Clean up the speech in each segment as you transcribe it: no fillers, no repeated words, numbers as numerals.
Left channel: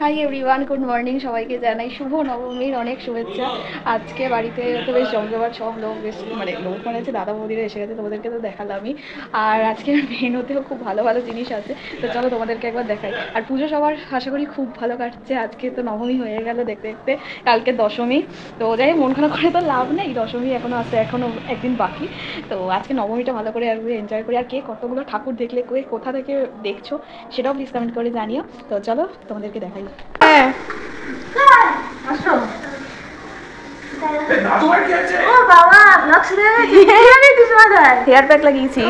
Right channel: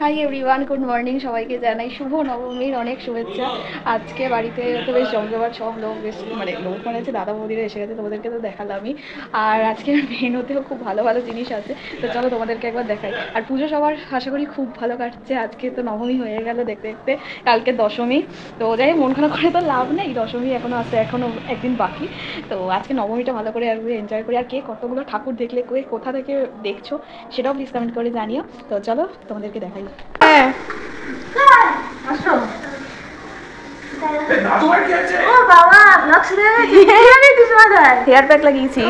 Hi everyone, good morning. সবাইকে জানাই শুভ নবমীর অনেক শুভেচ্ছা। আজকে বাড়িতে তো বেশ জমজমাট, সব লোক বেশ লোক হচ্ছে, দাদা বৌদিরা এসে গেছে, তোমাদেরকে তো দেখালামই। আর আজকের মেনুতেও খুব ভালো ভালো জিনিস আছে, তো চলো তোমাদেরকে একবার দেখাই। আর পুজো সবার আশা করি খুব ভালো কাটছে। আজকে তো নবমী হয়ে গেল দেখতে দেখতে, কালকে দশমী। তো যাই মন খারাপ করে তো লাভ নেই, দশমী এখনও আসতে এখনও একদিন বাকি। তো আজকে নবমীটা ভালো করে একবার এনজয় করি। আর কে কতগুলো ঠাকুর দেখলে, কোথা থেকে দেখছো সেটাও প্লিজ কমেন্ট করে জানিও। তো চলো তোমাদেরকে দেখাই। হ্যাঁ আসো। হেয়ার প্যাক লাগিয়েছি।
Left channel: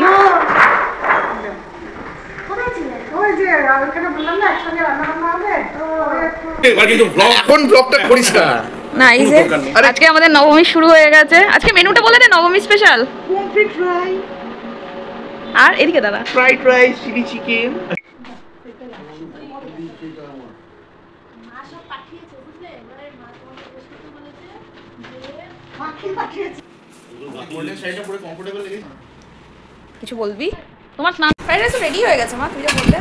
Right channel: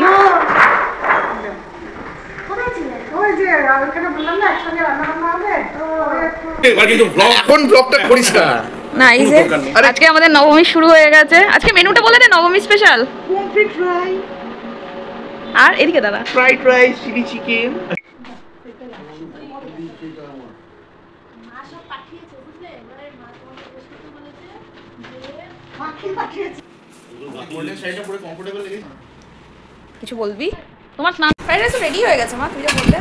এখন ব্লগটা করিস না। না এই যে আজকে আমাদের নবমী শুরু হয়ে গেছে। আজকে মেনুটা বলে দে, নবমী স্পেশাল। আর এদিকে দাদা, ফ্রাইড রাইস, চিলি চিকেন। কিছু বলবি? তোমার স্নান ফ্রাইড রাইস রেডি হয়ে গেছে মা, তুই যা বললে।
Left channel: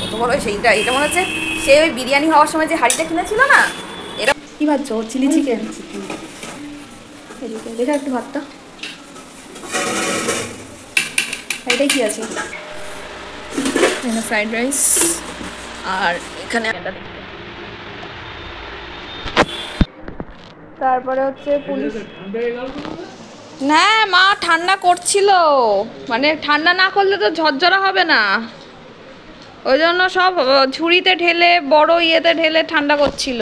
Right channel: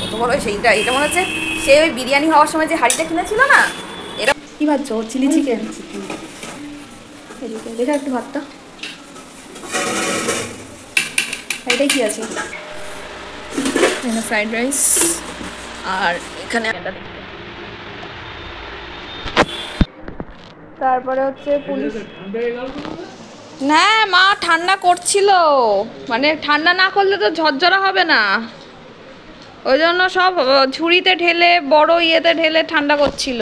কত বড় সেইটা, এটা মনে হচ্ছে সে ওই বিরিয়ানি হওয়ার সময় যে হাঁড়িটা কিনেছিল না। এটা কি ভাবছো? Chilli chicken. দেখা একটু ভাতটা, এটাই কি আছে? Fried rice. আর এখানে তারপরে হচ্ছে পুলিশ। না মা, ঠান্ডা করছিল, মানে ঠান্ডা না করলে তো ঝরঝরা হবে না, ওই জন্য সব ঝুড়িতে ঢেলে বড় ইয়েতে ঢেলে ঠান্ডা করছিল।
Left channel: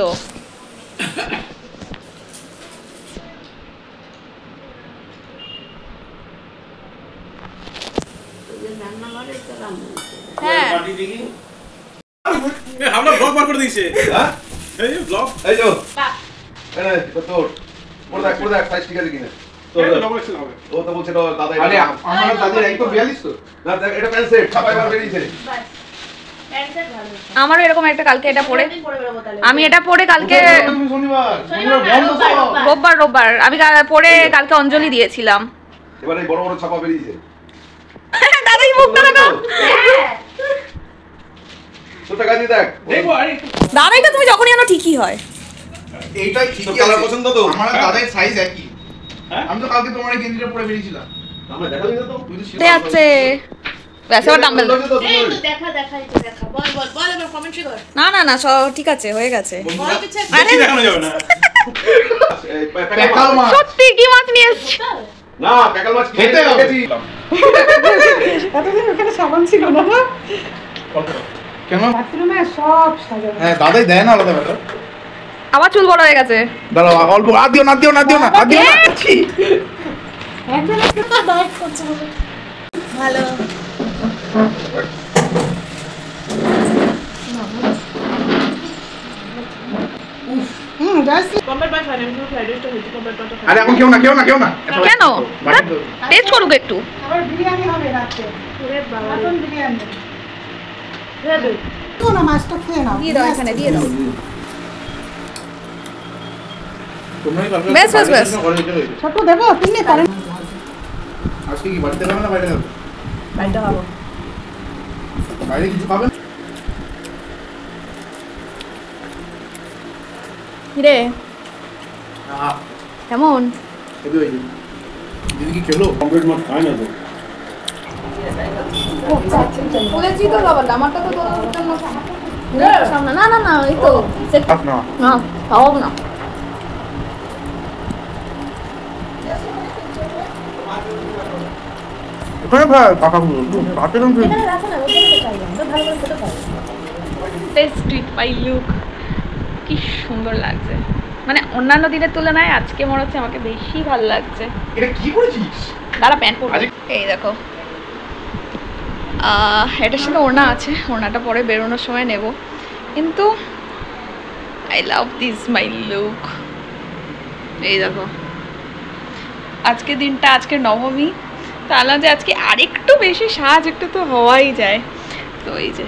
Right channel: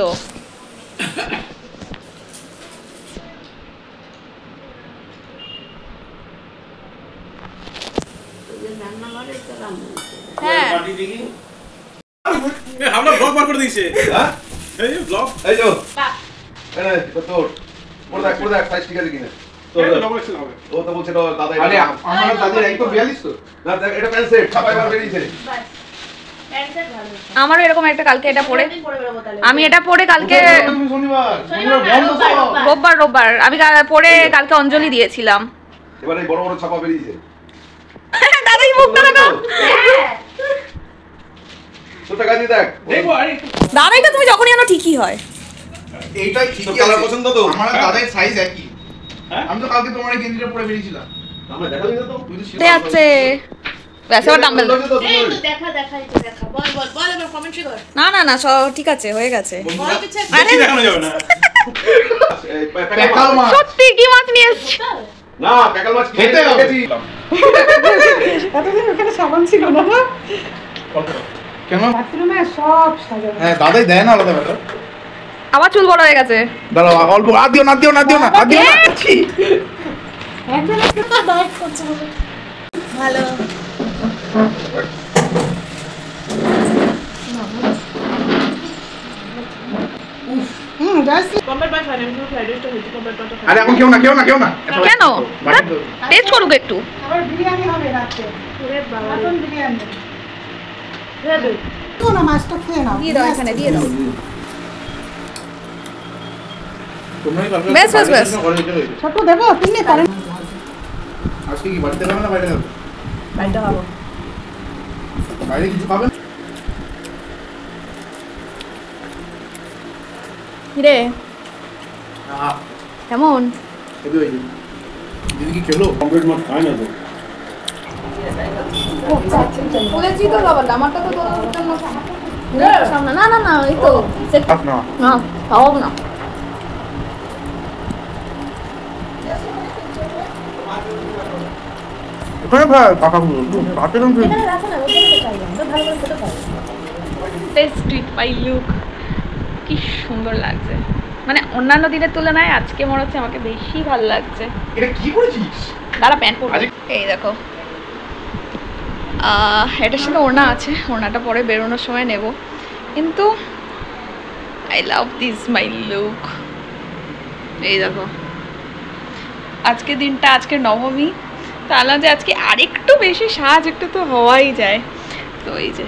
হ্যাঁ আমরা ব্লগ বার করে দিয়েছে। হ্যাঁ এই ব্লগ, এই যো এনে তোর পড়ে দেখ সাইজ ঠিক আছে কিনা। তোর নবলেশন হবে। ও তো বলছে তো দাদা, আরে আমার দাদির এই তো 42 তো না, দেখ এটা প্যান্ট সেট ছাপাই বার বেরিয়েছে। আমারও এরকম একটা, কালকে এটা পরে আমি এটা পরে কালকে শনিবার বন্ধ তো। রোববার আমি পরে কালকে অঞ্জলি দিয়েছিলাম। এবারে এই বড় বড় ছাপা বেরিয়েছে। দাদাই মুখটা দেখো। তোটা গাজি দেখ দেখো। আরে দাদাই তো তুমি যখনই আনো ঠিকই হয়। এইটাই ঠিক আছে। কালার পছন্দ তো আমার দাদার সাইজ একই। হ্যাঁ আমি তো কালকে তোমার এই গেঞ্জিটা পরে বেরিয়েছিলাম। আমরা দেখালি না তো। তুই তো ছিল। আছে ব্যাস, আবার ডাম্বেল। এই তো দেখা বল এবার কমেন্ট্রি কর। না সব ঠিক আছে, হয়ে গেছে। বেশি দেখানো যাবে না। প্যাকাল মাছ। সত্যি কি মাছ নিয়ে এসেছি? না, প্যাকাল মাছ খেতে হবে। এতদিন ওখানে সাবান ছিল না। কেন? বাথরুমে সব সাজানো। হ্যাঁ দাদাই দেয় না আলাদা ব্যাপার। আমার চুল বড় হয়ে গেছে। দাঁড়াও অল্প আর দিও না। একজন একটা তো ডায়েট করছে বলে। ভালো। জাস্ট আরে এখন কেউ না। কেন? টেস্ট করুক একটু। আবার বিরিয়ানি হবে রাতে। ওরে বাবা, এখন বিরিয়ানি। তো না, মাছটা খেয়ে নাও। দিয়ে দাও, এখানে দিয়ে দাও। তোমরাই বেশ। ছোট দেবো, তুমি করেন। আজকে কি বাড়িতে খাবে না বাইরে খাবে? বাইরে খাবো। বাইরে কিছু খাবেন? কিরে না, কেমন? এই যে দিদি কি খেলো? কমপ্লিট মাছ খায় না তো। বলেছি তো বাবা, আমারটা তো তোর সামনে। না এই তো না খাও না। ওখানে ভাই কাকাগুলো রাতে কেন খেয়েছি? টেস্টি বাই লুক, কি সুন্দর লাগছে। মানে অন্যান্য দিনের তুলনায় আজকে মনে হচ্ছে আমাকে বেশি ভালো লাগছে। এটা কি করেছিস? দাঁড়া প্যান্ট পরবো। এই দেখো, এটার সাথে ওড়না আছে, ওড়নাটা পরে বেরোনোর সময় নেব। কিন্তু I love this my look. এই দেখো, আজকে দিনটা, আজকে নবমী, তাহলে যে আজকে আরেকটু বেশি সাজ একটু তো হওয়াই যায়। তো এই যে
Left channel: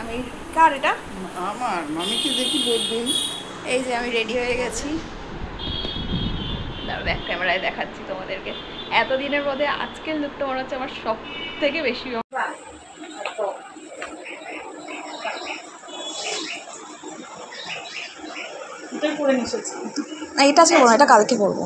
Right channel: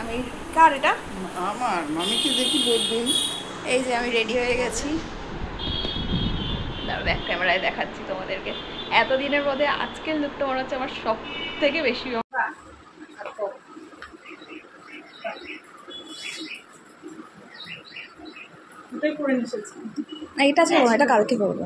আমি, কার এটা? আমার মামিকে দেখি বলবেন। এই যে আমি রেডি হয়ে গেছি, ব্যাক ক্যামেরায় দেখাচ্ছি তোমাদেরকে। এতদিনের মধ্যে আজকের লুকটা মনে হচ্ছে আমার সব থেকে বেশি। না এটা আজকে বলবো, এটা কালকে করবো।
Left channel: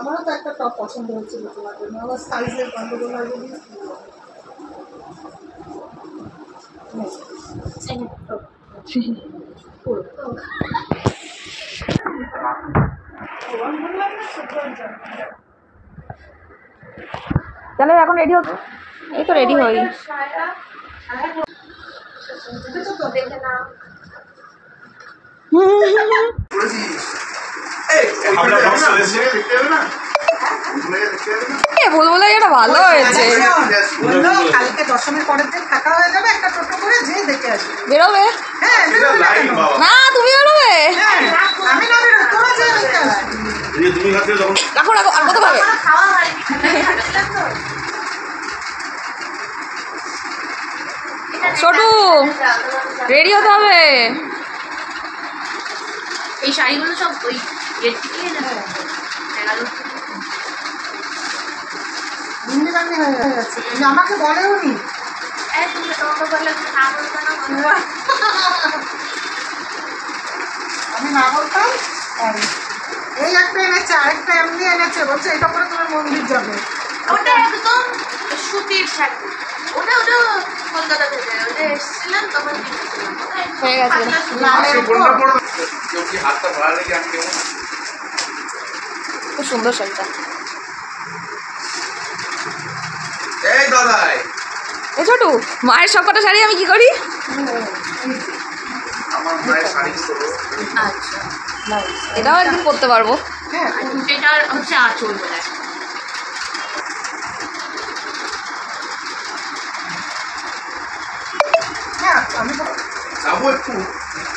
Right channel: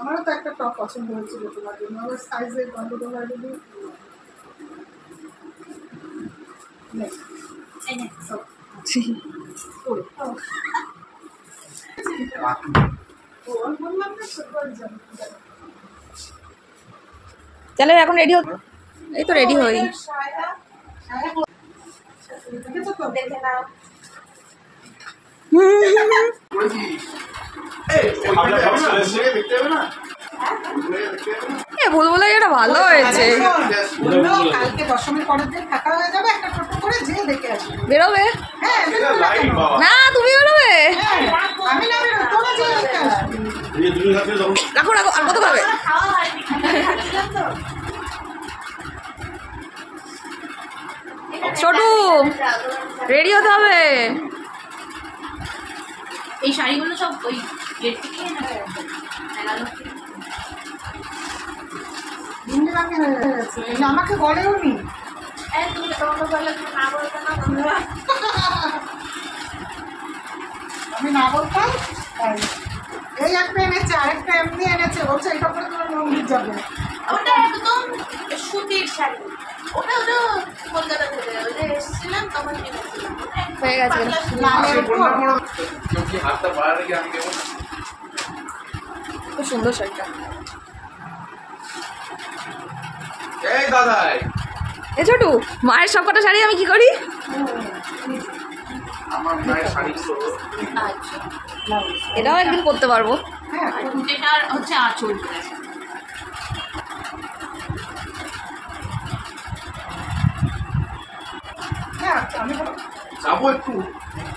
আমারও তো একটা টপ পছন্দ হয়েছিল তোমার জন্য, আবার সাইজের গন্ডগোল হয় যদি তাহলে এখন রেডি হতো, এই তো রেডি হই। ভুলভুলাইয়াটা ভালো হয়েছে। বললো কালকে দশমীর পরের দিন থাকা হয়ে যাবে, একটা টোটো করে যেয়ে দেখে আসবে। বেরোবে? হ্যাঁ বেরোবে না কেন? না তুমি বেরোবে? হ্যাঁ আমি না বেরোই, তোরা যেয়ে দেখে আসবি। রাখো রাখো, আর কত খাবে? খাওয়া হয়নি, খাচ্ছিলাম তো। ছোটু রেডি হতে হবে। এই শাড়িগুলো সব ওই গেট থেকে যাবে। ভিন্ডি বান্ডি হয়ে যাচ্ছে, এই যে আমাকে বলেও নি। আমি না বলতাম তাই। এই একটা এনেছে, আরেকটা এমনি এনেছে, বলছে এটা পরে তোমার মন্দির যাবে। ওটা একদম সুতির শাড়ি, ওটা ওটা কলকাতা থেকে ওটা এসেছিলাম তখন কিনেছিলাম। হয়ে গেছে। লালের উপর কেউ কি হাতটা বাড়া রেখে আমি কেমন খুব সুন্দর শাড়িটা। এই দাদাই এ ছোটু, মায়ের সব কটা শাড়ি আমি কি করি? আমার মায়ের শাড়ি ছোট। আচ্ছা, এটাও একদিন করতে পারবো। হ্যাঁ এটার হচ্ছে আঁচল বলে। হ্যাঁ আমি তো যাবো একটু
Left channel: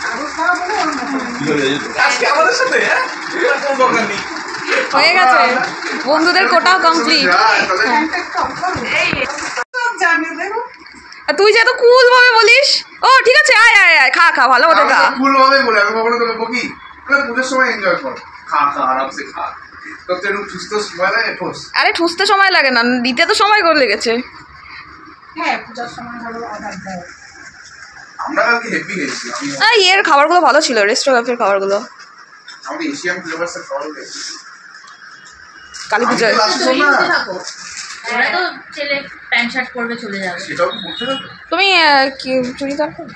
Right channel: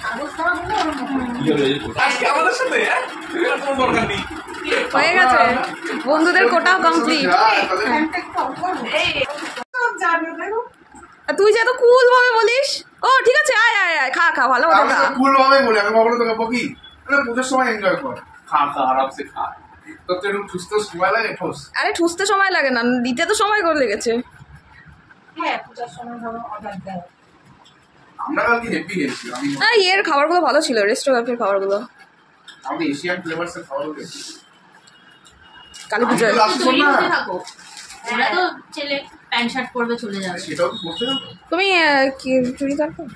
কাগজ করা বলে ওর মতো। আজকে আমাদের সাথে এর কোনো দরকার নেই। হয়ে গেছে, বন্ধুদের কোটাও কমপ্লিট। প্যান্টটা একটু অফ করবো। সব জানে দেখো। তুই যে এত কুল ভাবে বলিস। ও ঠিক আছে, আয় আয় আয়, খা খা, ভালো মতো খা। কুল ভাবে বলে আমি কখনো তোকে বকি, মানে পুজোর সময় এনজয় কর, খা খা আরামসে খা। তোর তো একটু সুস্থ সময় লাগে ঠোস। আরে ঠুসতে সময় লাগে না, দিতে তো সময় করে লেগেছে। হ্যাঁ পূজার সময় ধরো অর্ডার দেয়। আমরা কালকে হেভি খেয়েছি। আমি এর খাবারগুলো ভালো ছিল, রেস্টুরেন্টের খাবারগুলো। আমাদের এশিয়ান ফ্লেভার্সের খাবার খেয়েছি। কালী পুজোয় থাকো, ওরা তো ছেলে প্যান্ট শার্ট পরবে চলে যাবে। সেটাও কি করছে না? তুমি কি চুড়িদার পরো?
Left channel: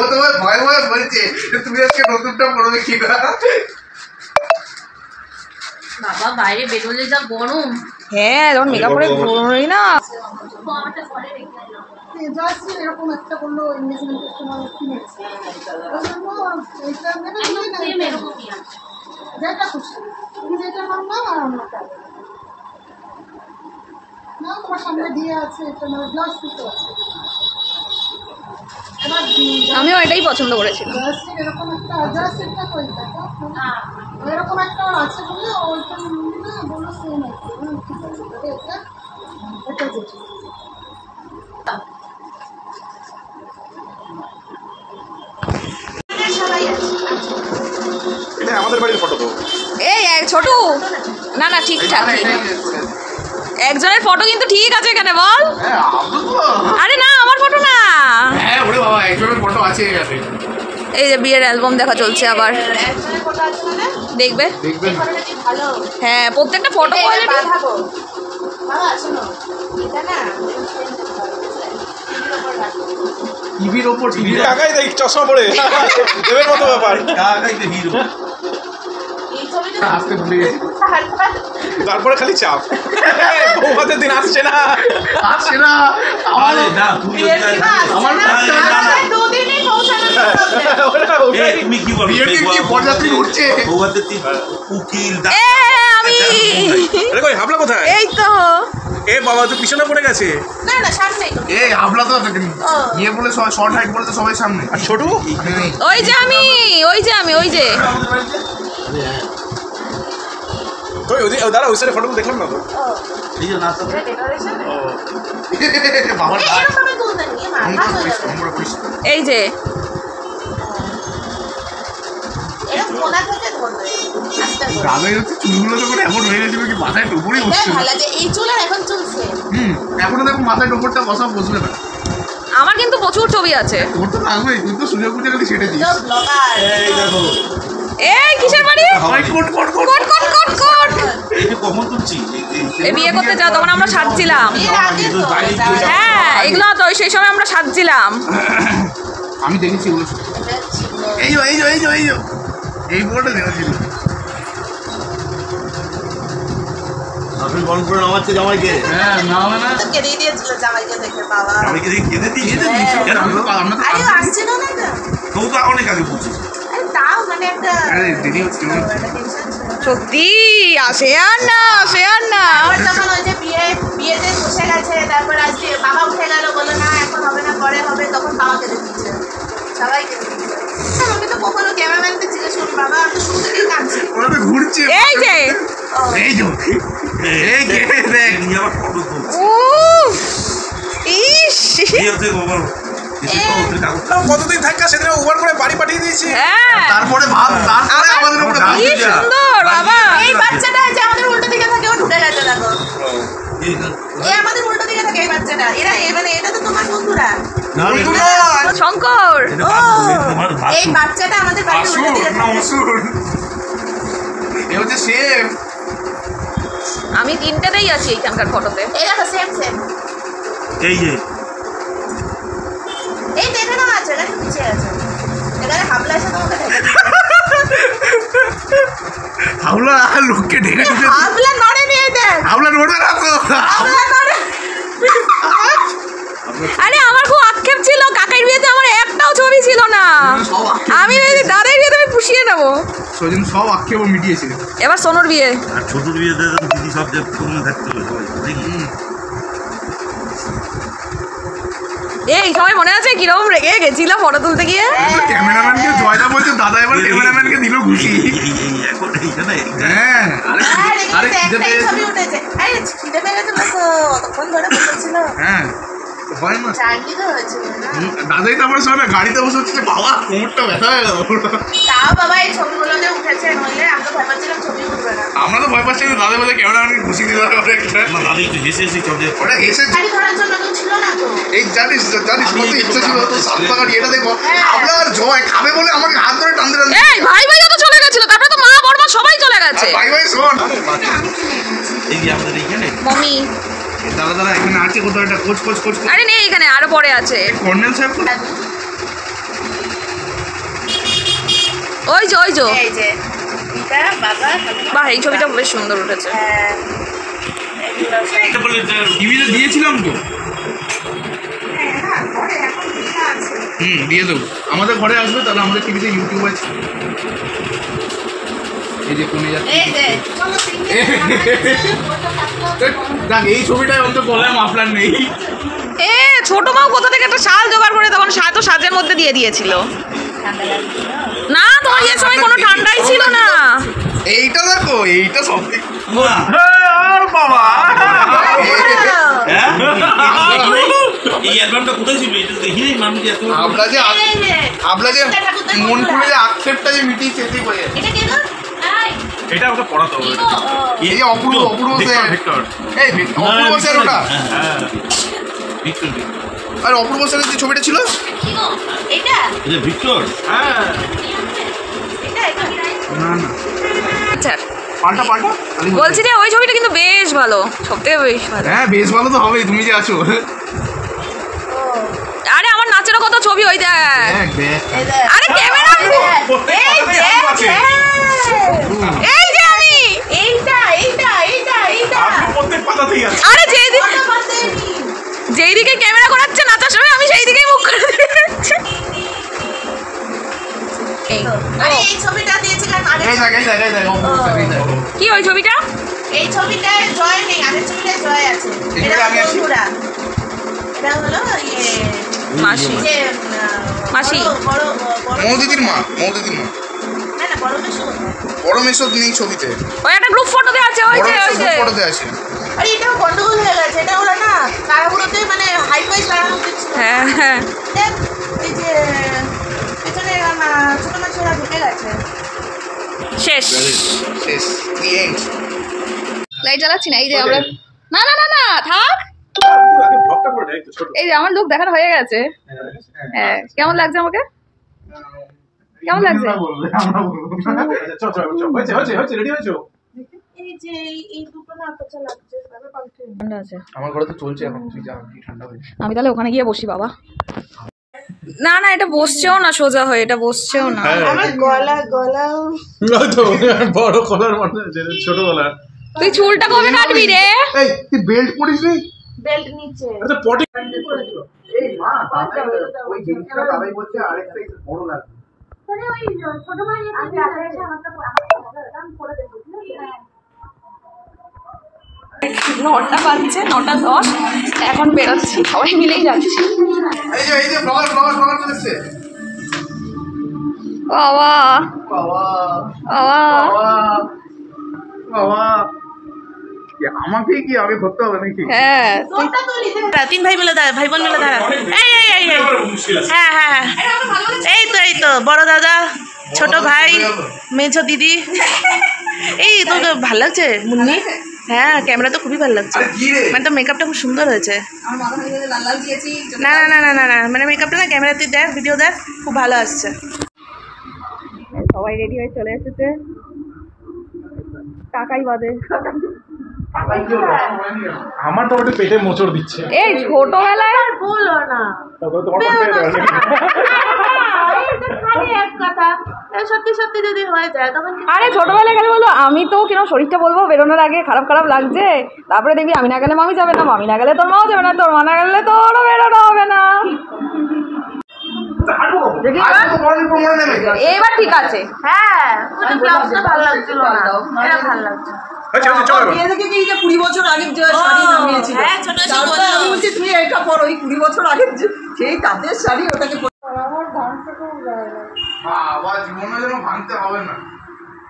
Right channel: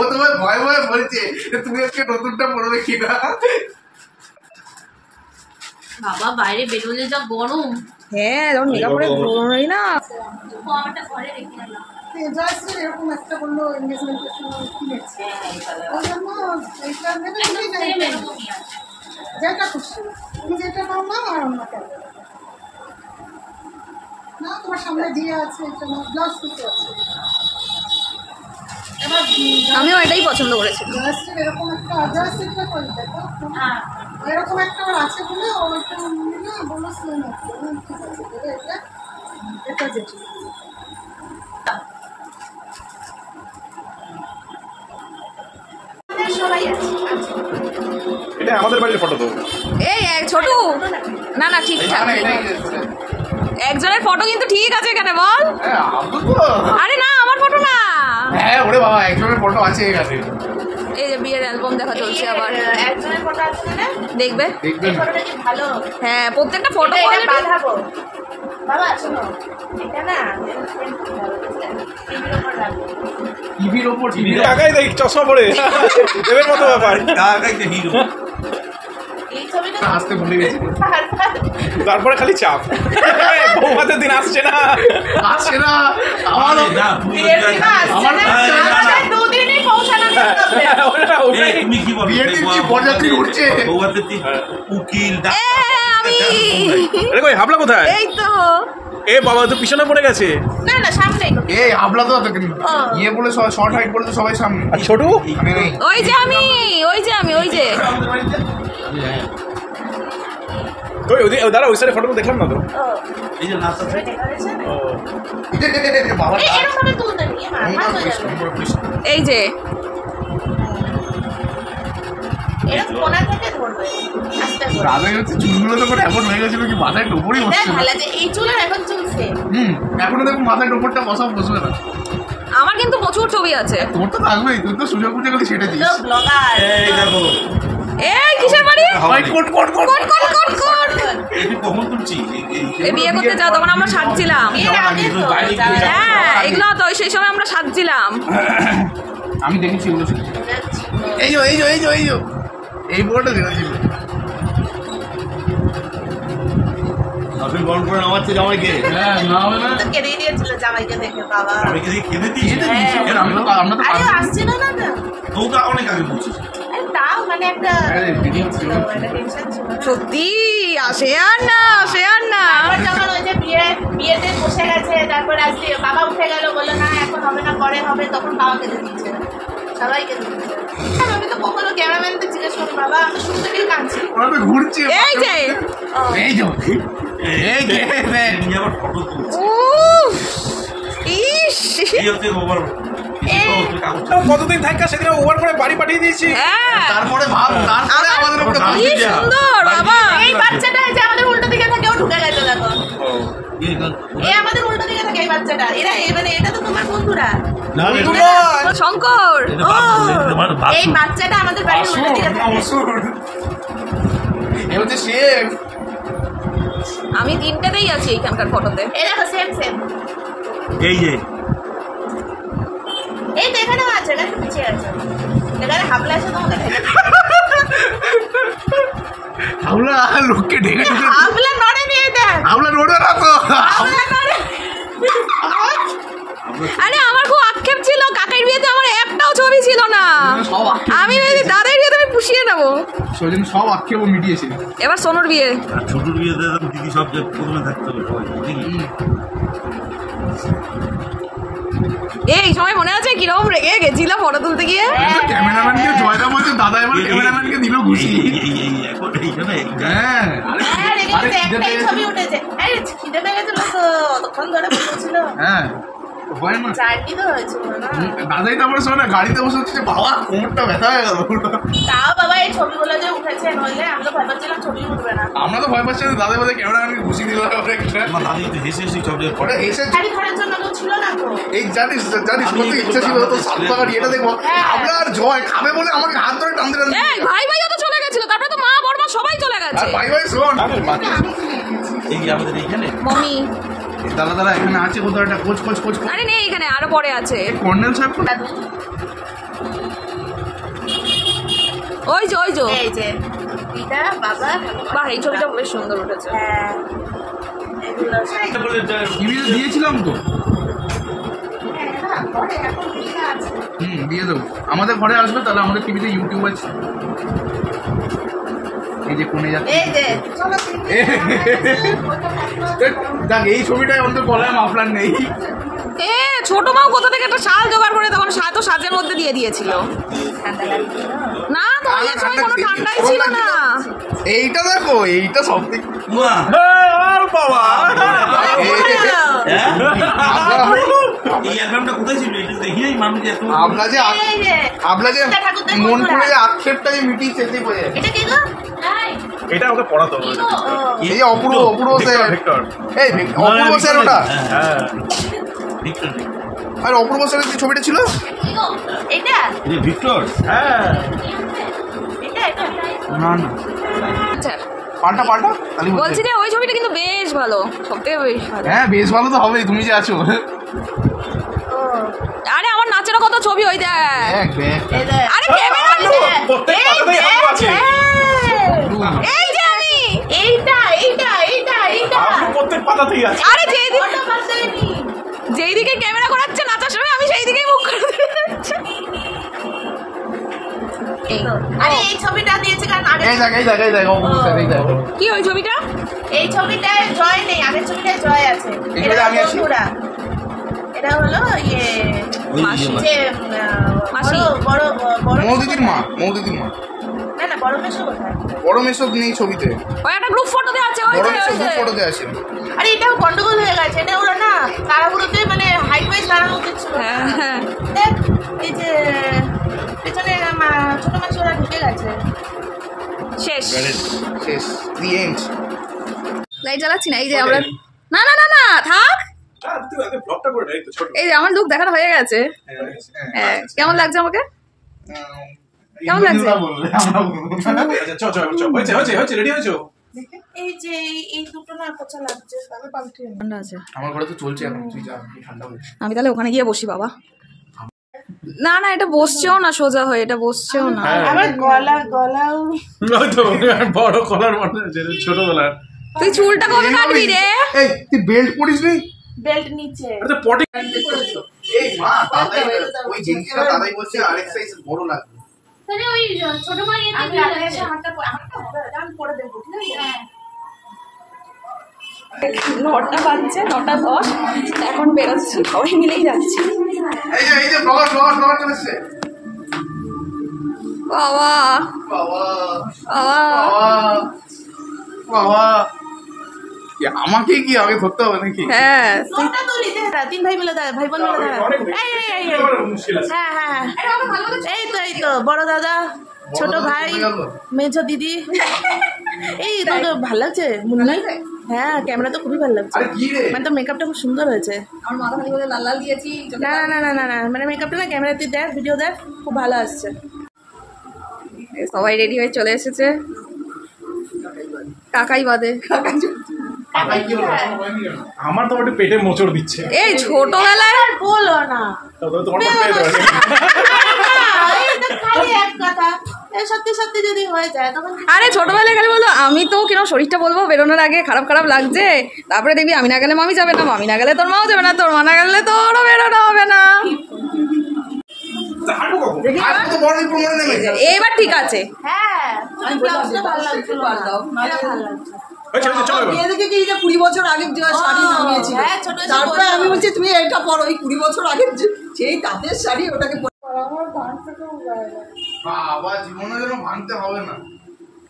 ও তো ভয় ভয় বলছে তুমি আজকে নতুনটা পড়বে কিনা। বাবা বাইরে বেরোলে যা গরম। হ্যাঁ, যখন মেকআপ করে ঘুরোই না। কমটা পরে রেখে এলাম। জয়শ্রী এরকম একটা বললো এনগেজমেন্টের সময় কিনেছে, ওই জন্য এইটা নেবে তুমি না সেম এইটা নেবে। এরকমই আছে। যেটা খুশি তুমি যেটা নাও নাও, আর অন্যটা না তোমার সামনে দিয়ে আছে, এটা না ব্লাউজ পিসও আছে। এবার আমিও এটাই পছন্দ করেছিলাম। জয়শ্রীর এরকম একটা, জয়শ্রীটা কই দেখো হ্যাঁ, এরকম একটা ওর আছে বলে ওইটা নিয়ে না বললো সেম আছে। ঠিক আছে তবে এটা এটা যেটা এটা আমাদের বাড়ির ফটো তো। এই ছোটু, না না ঠিকঠাক ঠিক। একজনের ফটো কিন্তু ঠিক আছে এখানে, বল। হ্যাঁ আব্দুল তো। আরে না, আমার ফটো না। হ্যাঁ ওরে বাবা, একজনের ফটো আছে এখানে। এই যে বিয়ের অ্যালবাম দেখা চলছে আবার, একজনের ফটো আছে মানে দেখবে। দেখবেন ফটোটা কি ভালো? হ্যাঁ, প্রত্যেকটা ফটো কোয়ালিটি। বাঁধাবো বাবা, শোনো এটা না ফ্রেম করতে হবে, বুঝলে? টিভির ওপর রাখবো। টিভির ওপর টিভি আগাই দেখ চশমা পড়ে দেবের মতো ব্যাপার। এই ছবিটা আসতে ভুলে গেছি। তারপরে খালি চাপ, বৌভাতের দিন আসছে না। আসছে না আমার বিয়ের দিন আসছে না, আসছে দুদিনই পৌঁছানোর প্রবলেম। তুমি কি বলো? বিয়ের দিন কি বরযাত্রী উঠছে। উকিল এ আমি আরে কই হাবলা কোথায়? এই তো। এ বাবা তো পিছনে পড়ে গেছে। না না সামনেই তো। এই হাবলা তো ইয়ে বলে সবাই শর্ট হাইট বলে তো সবাই সামনে। আর ছোটু এখানে নেই। ওই যে আমি, ওই যে আমি, ওই যে। ওই দাঁড়া, ওই সাইডে ফটো দেখলাম না তো। এই যে নাচটা এটা ডেকোরেশন বাবা এরকম ভাবে তুলতে নিয়ে মাথা হয়ে যাবে এই যে এরকম কোনা থেকে ধরবে আস্তে করে দাদা হচ্ছে চুলগুলো তো করে এমন হয়ে গেছিল কি মাথায় টোপরই এটাই বসছে ভালো লাগে এই চুল আর এখন চলছে এখনো দেখো মাথায় টোপরটা বসা বসবে না আমার কিন্তু প্রচুর ছবি আছে। তোর তো লাগবেই, তুই তো সুযোগ বুঝে গেলি সেটা দিস। তো ব্লগার এই দেখো এই কিসের বাড়ি? কোট কোট কোট কোট কোট কোট কোট। এটা কখন তুলছি এই বিয়ে করতে যাও তখন আমরা সাজছিলাম। এর আগে তো হ্যাঁ এগুলো তো সেই সময় আমরা সাজছিলাম। আমি দেখেছি ওগুলো। এই যে এই যে এই যে এই যে এই বোর্ডে দেখেছিল। আপনি গরম করে নামাচ্ছে জামাইকে হ্যাঁ না হয় না তো কেঁদে দিয়েছিল জামাইকে দেখে বাবা জামাইকে দিয়ে কেঁদে দিয়েছে আমরা তো আরে আসছিল না তো তো তো অনেক আগে বলছিস আরে তাও মানে একটা আরে দিদি হচ্ছে একটা টেনশন ছিল না। সত্যি আসে আর না আসে আর না। আবার যখন ওই যে বিয়েতে বসে গেছে তারপর আজকে বাবা উঠে গেল বললো না এখন হবে না পরে হবে তখন বাবা কেঁদে দিয়েছে সবাই কেঁদে দিয়েছে আমি তো কখনো ক্যামেরাম্যানকে জিজ্ঞেস করি বাবা আমি তো শুরু থেকেই কাঁদছি ওরা তো ঘুরছে এই যে ও, এই যে এই যে দেখ নিয়ে আবার ফটো তুলছে উফ, ইস এই হচ্ছে গোবর কতদিন থাকা সেদিন ওভার করে বাড়ি পাঠিয়ে দিয়েছি। হ্যাঁ তারপরে ভাব তারপরে আমাদের উপরে কি সুন্দর বাবা। এই বাচ্চাটা যে আমাদের উল্টো দিকে থাকে ও ঢুকে গেছে দেখো এই আমাদের উল্টো দিকে থাকে এই বাচ্চাটা এরা মানে এটা তো তোমার বন্ধুরা শঙ্কর এই বাচ্চাটা আমাদের বাড়ির উল্টো দিকে থাকে এ হচ্ছে শেফ। আমি তিনটাতেই আছি এইখানকার ফটোতে। এই দেখো সেম সেম এই যে এই তো এখানেও আছে না একটু পিছিয়ে আছে এখানে হাবলা আছে তোমাকে ঢেকে হাওলা লোককে ঢেকে ঢুকে হাবলা নড়ে নিয়ে দেখ হাওলা রোডে রাখো। হাবলা নড়ে আরে আমার খুব আক্ষেপ ছিল কাকার বিয়েতে আমার একটাও ছবি ছিল না। সব আমি ভেবেছি দাদার বিয়েতে আমি পুষিয়ে নেবো। সেদিন সব আক্ষেপ মিটিয়েছে। এবার সোনুর বিয়ে। আর ছোটুর বিয়েতে দিদি সব যে প্রথমে থাকতে হবে সবাই দেখি এই সময় মনে আছে কিরকম রেগে গেছিল ফটো তুলতে গিয়ে? ক্যামেরাম্যানকে জয়দা বলছে দাদা এবার ক্যামেরাম্যানকে দিল ঘুষি। এই এখন এইখানে হ্যাঁ আরে কিন্তু একটাই ছবি উঠেছে আরে খিদে পেয়ে গেছিল তো অতক্ষণ ধরে বসেছিল হ্যাঁ হয় না জার্নি তো হয়েছিল না দাদাই তারপরে শোনে গাড়িতে বসে হচ্ছে বাবা কোমরটা ব্যথা হয়ে গেল। তাও বাবা এই ছবিগুলো যে উঠেছে নইলে আমি তো ভয় পাচ্ছিলাম ছবি উঠবে না আমরা তো ভয় পাচ্ছি না, দাদা বলে ক্যামেরাম্যানকে ঘুষি দিল একটা আমার দাদি একটু হেসে হেসে সব যে ওটা এসে গাড়ি ধরার জন্য কেউ ছিল না তো এই জানিস কত ইচ্ছা ছিল তো সাতটা গাড়ি এটা দেখবো আমরা আর জয় খাবে বলে আমাকে হাত ধরে টানতে টানতে এই ভাই ভাইও তো চলে গেছিল তারপরে তো মা বড়মা সবাই চলে গেছে। ভাই ভাই শোন এই যে আমাদের এইখানে মম্মি দাদা এখানে আছে কোথাও একটা কোচ কোচ কোচ আরে নেই এখানে আরো পরে আছে। কর্নেল সাহেব কোথায়? ওই যে ওই যে এই যে পিতা বাবা বাহ এই ছবিটা বেশ সুন্দর উঠেছে। হ্যাঁ এগুলো সব এটা বলে যে টিভিতে দিয়েছিলাম তো হ্যাঁ ঘরে এখন পিতা আছে দিয়ে দেবো আমাদের ঘরে আসবে তাহলে আমাদের টিভিতে ইউটিউব আছে। এই যে কোনে যাচ্ছে এই যে চলো দেখ এই ছবিটায় অন্তত গলায় মাফলার নেই। এ ছোট মাও কোথা থেকে একটা শাল জোগাড় করে তখন তো সাজের মধ্যে দিয়ে দিয়েছিল। ঠান্ডা লাগছে না তোমার বিয়ের সময় কোনো ঠান্ডাই ছিল না। এইটা দেখো এইটা সব বাহ! বাবা এই অ্যালবামটা কোথায় ছিল এটা দেখি নাই মানুষ এত আমরা যে এই যে আমরা যে ঠাকুরদার মন বন্ধুরা। করে যে আক্ষেপটা যে মিটিয়েছে এতেই বোঝা যায়। এটা কে গো এটা ওকে পড়াতে হবে। এই যে অপূর্ব স্যার ভিক্টর এই অপূর্ব স্যার ওটা হ্যাঁ ভিক্টর আর অপূর্ব স্যারের যে ছবিটা ছিল এটা এই যে ভিক্টর হ্যাঁ এটা এটা না না আচ্ছা পাল্টা বলছি যে ওই ছবিটা কিন্তু বেশ ভালো সব থেকে বেশ ভালো। হ্যাঁ বেশ ভালো তো হবেই তুমি যে আছো। ও আরে আমার নাচেরও কত ছবি ওই দেখ। এই যে আরে ক্যামেরা এই যে এই যে আমি এইটা এইটা এইটা এইটা প্রত্যেক পাতাতেই আছে। আরে যেদিন ওটা বাদ দেয়নি। যেই দিকে ক্যামেরা ঘোরাচ্ছে নাচার সময় আমি সেই দিকেই মুখ করে দিচ্ছি। এই আরে এই ছবিটা দিয়েছে কারণ আগে এই দেখ কি ওই ছবিটা? এই ছবিটায় জয় নেই আগের ছবিটায় জয় আছে এখানে এটা আমি আছি। বন্ধুরা এটা হলো ইয়ে মাসি যে মাসি। বড় মৌদিদির মা না না বড় মেশো কোথায় বড় মেশো নেই ছবিতে ওই একটা গ্রুপ ফটোতে আছে ওই বড় যে মেশো ওই যে ফটোতে আছে। আরে এটা গন্ডগোল হয়ে গেছে, এটা ওরা না কারাগুলোতে মানে হাইট ওয়াইজ বাড়ানো উচিত ছিল। হ্যাঁ হ্যাঁ দেখ এই যে পেছনে ছোট মাছ ওরা ঢুকে গেছে। শেষ শেষ দি এন্ড লাইট জ্বালাচ্ছি না, এই যে আমরা না না না না থাক, ব্লগটা করে এই তো ছোট এই যে আমার লুক দেখানো হয়ে গেছে। হ্যাঁ কেমন লাগছে আমাকে, কেমন লাগছে? আচ্ছা চল চল চল হয়েছে রেডি হয়েছো? এই যে এই দুটো না পচা লাগছে, তাহলে পাল্টে ঠান্ডা আছে, আমার ঘরে তো চলছে এখন, তুই যা কি ঠান্ডা হয়েছে। আমি তাহলে ওখানে গিয়ে বসি বাবা। না না এটা বসছেও না সোজা হয়ে, এটা বসছেও না। আমার গলাও তো বড় কলার মানে ছোট কলার। তুই চুলটা কবে কাটবি রে? এই তুই বেল্ট পরিস নি? বেল্ট নিচে আচ্ছা পটি এই মা দাদাই ওই জিনিসটা দাদাই বলছে আরেক সাইজ বড় লাগবে। তাহলে ওই ছোট মার ইয়েতে আমি দিয়ে আগে যাচ্ছে। আমারটা আমি করে দেবো, ঠিক আছে? 9টা বাজছে, 9:10, এখন বেরোচ্ছি, সবাই মিলেই যাচ্ছি। এই যে ব্লগার চলে এসেছে। বাবা বাবা বাবা বাবা বাবা আমাকে কি আগে ধরতে হবে নাকি? হ্যাঁ তোরটা তো নিতে হবে। তিন ভাই মিলে দাঁড়া, ভাই বোন মিলে দাঁড়া। এই হ্যাঁ হ্যাঁ এই তো বড় দাদা, ছোট ভাই, মেঝো দিদি। এই তোকে ভালো লাগছে মুন্নি? হ্যাঁ ক্যামেরা তো খুবই ভালো লাগছে, আরে কি রে? মানে তো মেকআপটা খুব সুন্দর হয়েছে। আমার মাথা খালি লাল লাল দিয়েছি। না না না না না না মানে মেকআপটা না ক্যামেরা তুই দেখ, ভিডিও দেখ, খুব ভালো আসছে। সবাই রেডি হয়ে চলে এসেছে, কাকাই বাদে। আমার তো একটু পেটে মোচড় দিচ্ছে। এই ছোটবেলায় বলো না তবে তোমার পেটে খালি এক কথা, সত্যি সত্যি যদি হয়ে যায় তখন আরে ছোটবেলায় গেলে বলো আমি তো কিরম শরীরটা বলবো বেরোনোর আগে খারাপ খারাপ লাগছে, তারপরে দেখবি আমি না গেলে মামি যাবে না, মামি না গেলে তোর মাও যাবে না, তোর মা না গেলে তোরও বেরোনো হবে না। আজ তো বড় নিপুণ মনে নেবে। এবার ঠিক আছে। হ্যাঁ ব্লাউজটা ভালো লাগছিল না, এটা ভালো লাগছে। আচ্ছা চলো এবার। মেয়ে দেখে কি যে 20 বছর আগের যে শাড়ি নামিয়েছিল, হ্যাঁ ছোট ছোট তারপরে আমি বলছি তুমি এটা পরো, ওই 20 বছর আগের সেই তাঁতের শাড়ি ওটাকে বাবা জীবনে যেন ভাঙতে হবে না।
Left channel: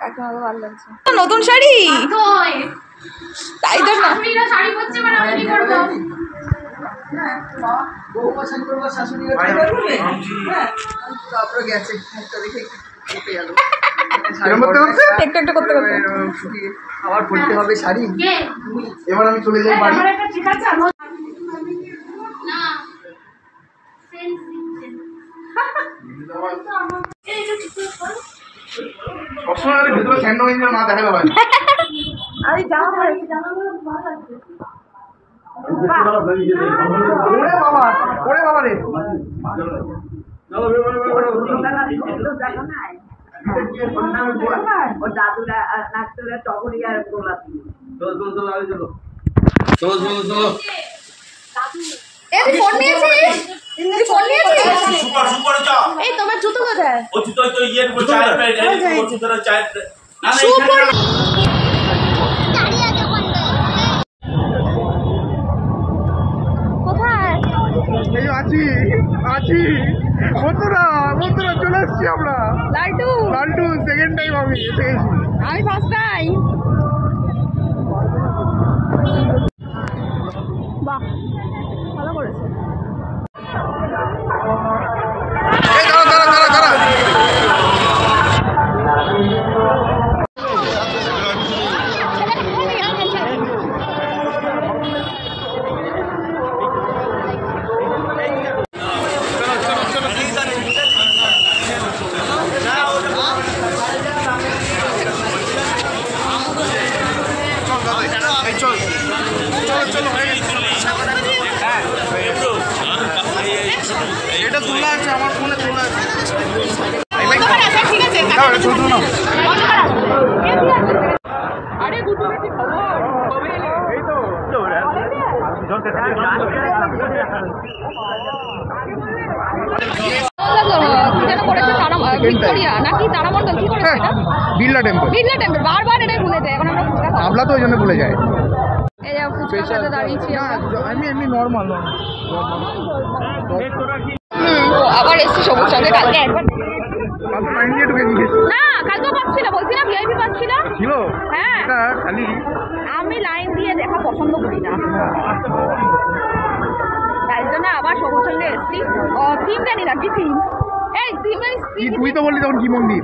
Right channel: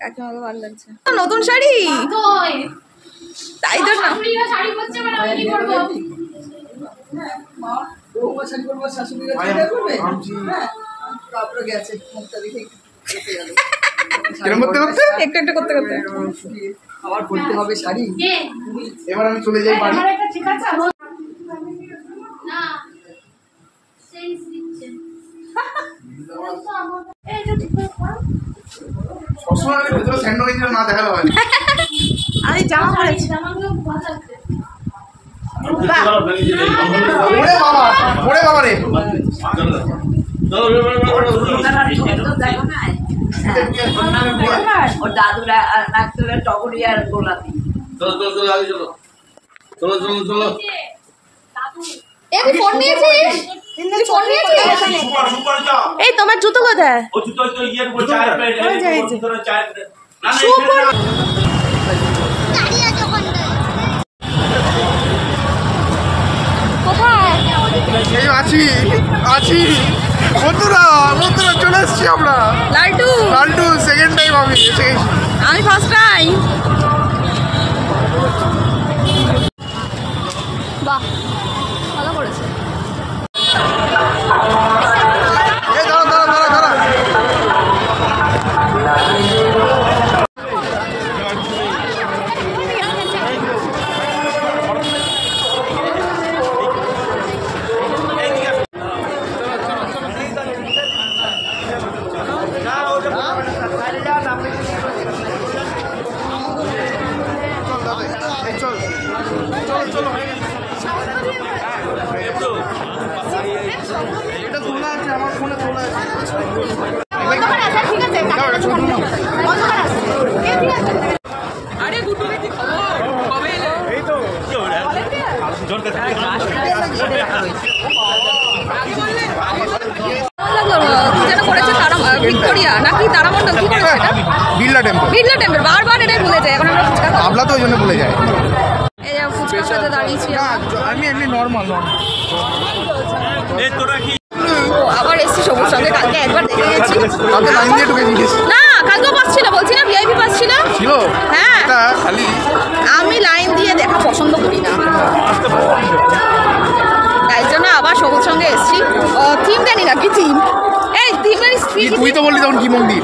কাকিমাকে ভালো লাগছে নতুন শাড়ি, তোই তাই তো না। শাশুড়িরা শাড়ি পরছে মানে আমি কি করবো? বৌমা শাড়ি পরবার শাশুড়িরা ভাই, চিন্তা করবে। ভাবছি। হ্যাঁ, তারপরে গেছে মুখটা দেখে কেটে গেল। এরম করতে করতে একটু একটু করতে করতে শুকিয়ে আবার পরতে হবে শাড়ি। কে? এবার আমি চলে যাই বাড়ি। আমার একটা ঠিক আছে আমার না সেন্স দিচ্ছে। তো আমার এই যে ঠিক করে করো। সবসময় আমি ভেতরে স্যান্ডো ইঞ্জিন না দেখালে হয় না। আমি জামা পরেছি, জামাগুলো ভালো লাগছে। ওরে বাবা রে। ওর দাদুরা নাকতলা টগরিয়ার গোলাপি। এ তুই ফোন নিয়েছিস, তুই ফোন নিয়েছিস? এই তোমার জুতো কোথায়? এই আছি আছি বন্ধুরা চলে এসছি আমরা। লালটু লালটু সেকেন্ড টাইম আমি এসে গেছি। আমি ফার্স্ট টাইম। বাহ ভালো করেছে। এই দাঁড়া এই চল চলো এটা তোলা আছে আমার ফোনে তোলা আছে। দাও, এটা ছবি তুলো না। আরে গুড্ডু কি খবর? কবে এলে? এই তো কি হলো ভালো লাগলো, কি যেন করেছে তারা ভিক্টোরিয়া নাকি তারামণ্ডল কি করেছে এটা? বিড়লা টেম্পল। বিড়লা টেম্পল, বারবার এটাই ভুলে যায়। এখন আমরা ফুচকা খাবো। আমলা তো ওই জন্য ভুলে যায়। এই যে ফুচকার সাথে দাঁড়িয়েছি আমরা। আমি এমনি নর্মাল ও, আবার এসছি সবুজ সঙ্গে, কালকে একবার দেখে গেছি। কালকে লাইন দিয়ে ঢুকে গিয়েছি। না কালকেও পাস ছিল, বলছি না ভিআইপি পাস ছিল। ছিল হ্যাঁ এটা খালি আমি লাইন দিয়ে দেখা পছন্দ করি না, তাই জন্য আবার সবুজ সঙ্গে এসেছি। থিম জানি না কি থিম, এই থিমের তুই তো বললি তখন কি মন্দির?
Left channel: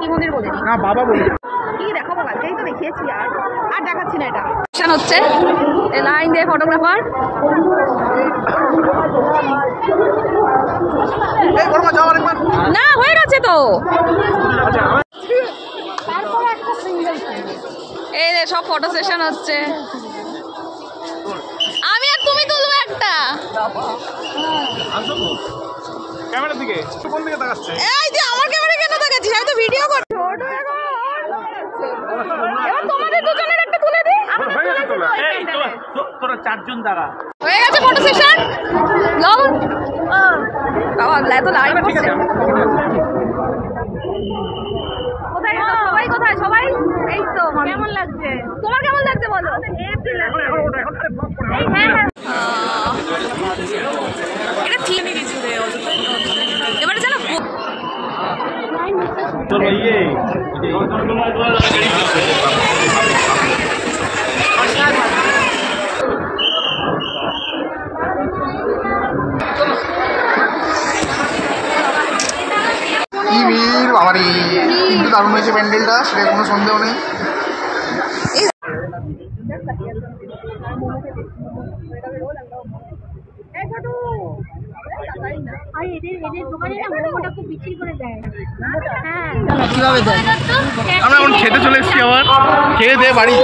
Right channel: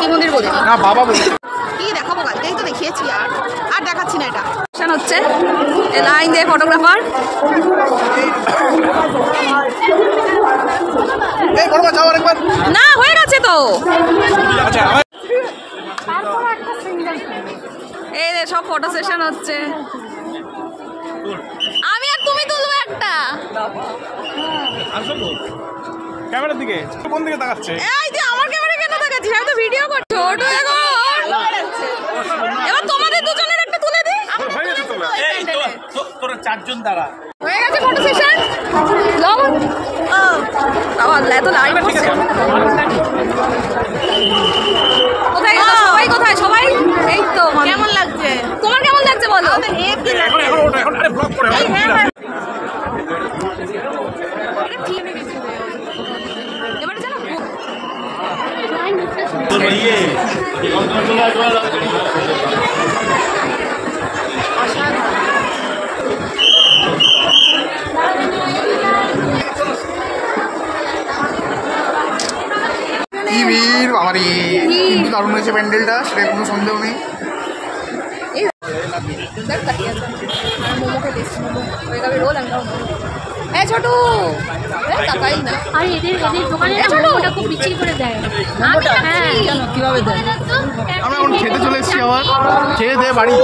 কি মন্দির বলিনি, না বাবা বলি। কি দেখাবো, কালকেই তো দেখিয়েছি, আর দেখাচ্ছি না। এটা হচ্ছে এই লাইন দিয়ে ফটোগ্রাফার। এই বড় মা যাও আরেকবার। না হয়ে গেছে তো, এই রে সব ফটো সেশন হচ্ছে। আমি আর তুমি তুলবো একটা। ক্যামেরার দিকে কোন দিকে তাকাচ্ছে? এই যে আমার ক্যামেরা কেন দেখাচ্ছিস, আমি তো ভিডিও করছি। ছোট এখন এবার তোমাদের দুজনের একটা তুলে দিই। হয়ে গেছে তোলা। এই তোরা চারজন দাঁড়া। হয়ে গেছে ফটো সেশন। লও বাবা এত লাইভ ঠিক আছে। কোথায় গেল সবাই, কোথায় সবাই? এই তো কেমন লাগছে তোমার, কেমন লাগছে বলো? এখন ওটা এখন আরে ব্লক করে এটা ঠিক এবারে জানো তোর ইয়ে কি ভিড় বাবারি, কিন্তু দারুণ হয়েছে প্যান্ডেলটা, সেটা কোনো সন্দেহ নেই। মোমো খেতে মোমো হয়ে যাবে রোল। আমি ছোটু তাকাই না, আর এদের দোকানে ওটা খুব বিক্রি করে দেয়। হ্যাঁ কিভাবে দেয়? আমরা এখন খেতে চলে এসেছি, আবার খেয়ে দিয়ে বাড়ি।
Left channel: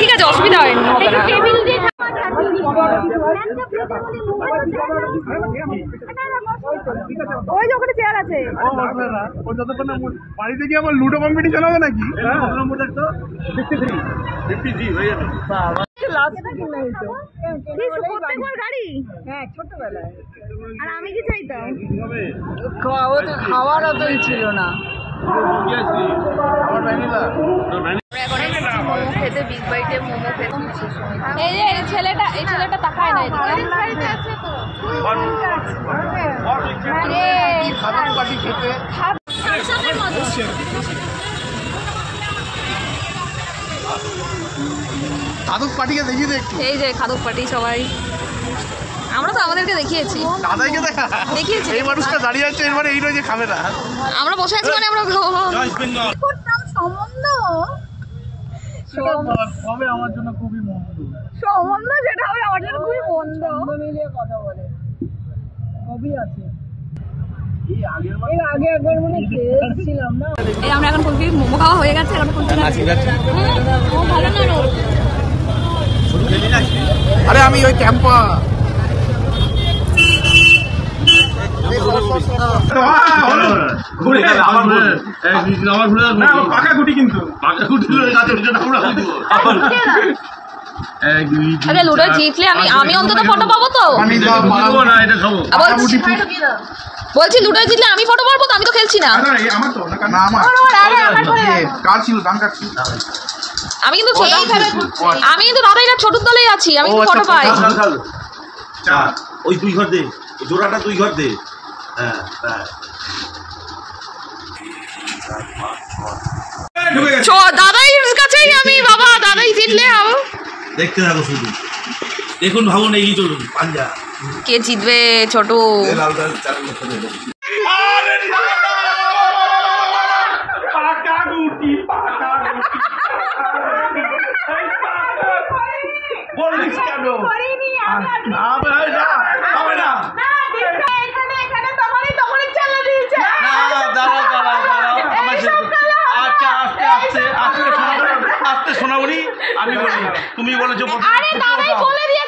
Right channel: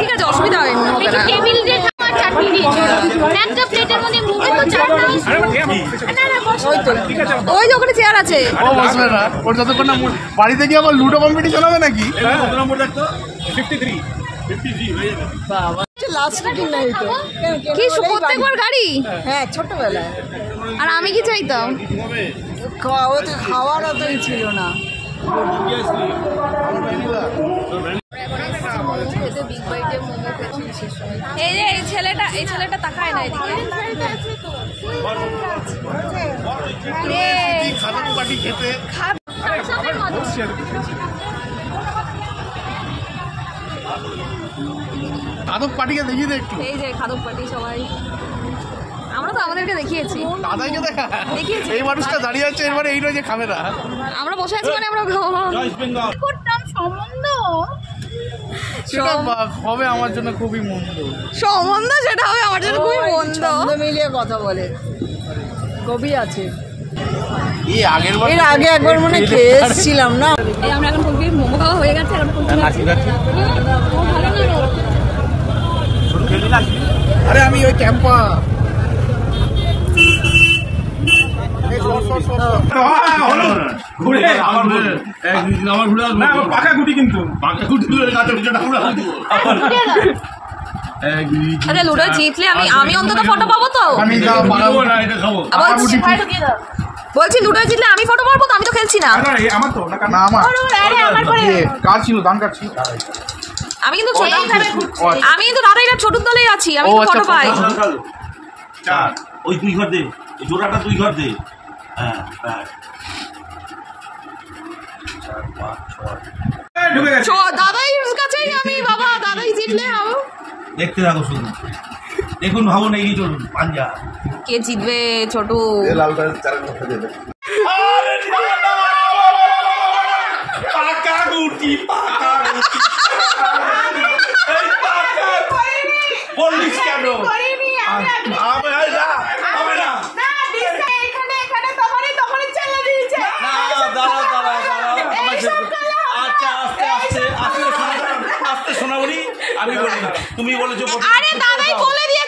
ঠিক আছে অসুবিধা হয় না। টেবিল দিয়ে খাওয়ার চাটনি দিয়েছে, একটা প্লেটের মধ্যে মোমো চাটনা। ওই যে ওখানে চেয়ার আছে। আসবে না ওর যতক্ষণ না বাড়িতে গিয়ে আবার লুডো কম্পিটিশন হবে নাকি? লাস্ট মিটিং নাই তো, কি প্রত্যেকবার গাড়ি। হ্যাঁ ছোটবেলায় আর আমি কি চাইতাম, ওদের খাওয়ার অত ছিল না। মোমো খেতে, বিগ বাইটে মোমো খেতে। এই যে এই ছেলেটা তাকায় না এদিকে। দাদক পাটিকে দেখিয়ে দে একটু। এই যে খাদক পার্টি সবাই, আমরা তো আমাদেরকে দেখিয়েছি। দাদাইকে দেখা দেখিয়েছি। এই মানুষটা দাঁড়িয়ে আছে, এবারে এই রয়েছে খামেরা। আমরা বসে আছি মানে আমরা করতাম সম্বন্ধ সেটা হবে আমার জন্য খুবই মন্দ। সম্বন্ধ, সেটা হবে আমার জন্য খুবই মন্দ। ছন্দ মিলিয়ে কথা বলে, কবি আছে। এই আগের বার এর আগে একবার মনে খেয়ে এসেছিলাম না। এই আমরা এখন কুলফি মোমো খাওয়া হয়ে গেছে, এখন কুলফি খাচ্ছি। আরে আমি ওই ক্যাম্পা পাকা গুটি, কিন্তু আরে লুডো জিতলে আমি অন্তত ফটো পাবো তো। আমি বলছি লুডো জিতলে আমি ফটো পাবো তো, আমি তো খেলছি না। আমার তো না আমার কার ছিল, দাম কার ছিল। আমি কিন্তু আমি কিন্তু দাদাইরা ছোটর দলেই আছি, আমি কিন্তু ফটো পাই। ওই দুই ঘর দে, ওই জোড়াটা দুই ঘর দে। হ্যাঁ দাদাইর কাছেই আমি, বাবা দাদাই জিতলে হবে। দেখতে থাকো শুধু, দেখুন ভাবুন এই চলুন পাঞ্জা কে জিতবে ছোট। বললিস কেন? আচ্ছা আস্তে শোনাবনি। আমি বলি, তুমি বলেছো আরে দাদাই বলে দিয়েছে।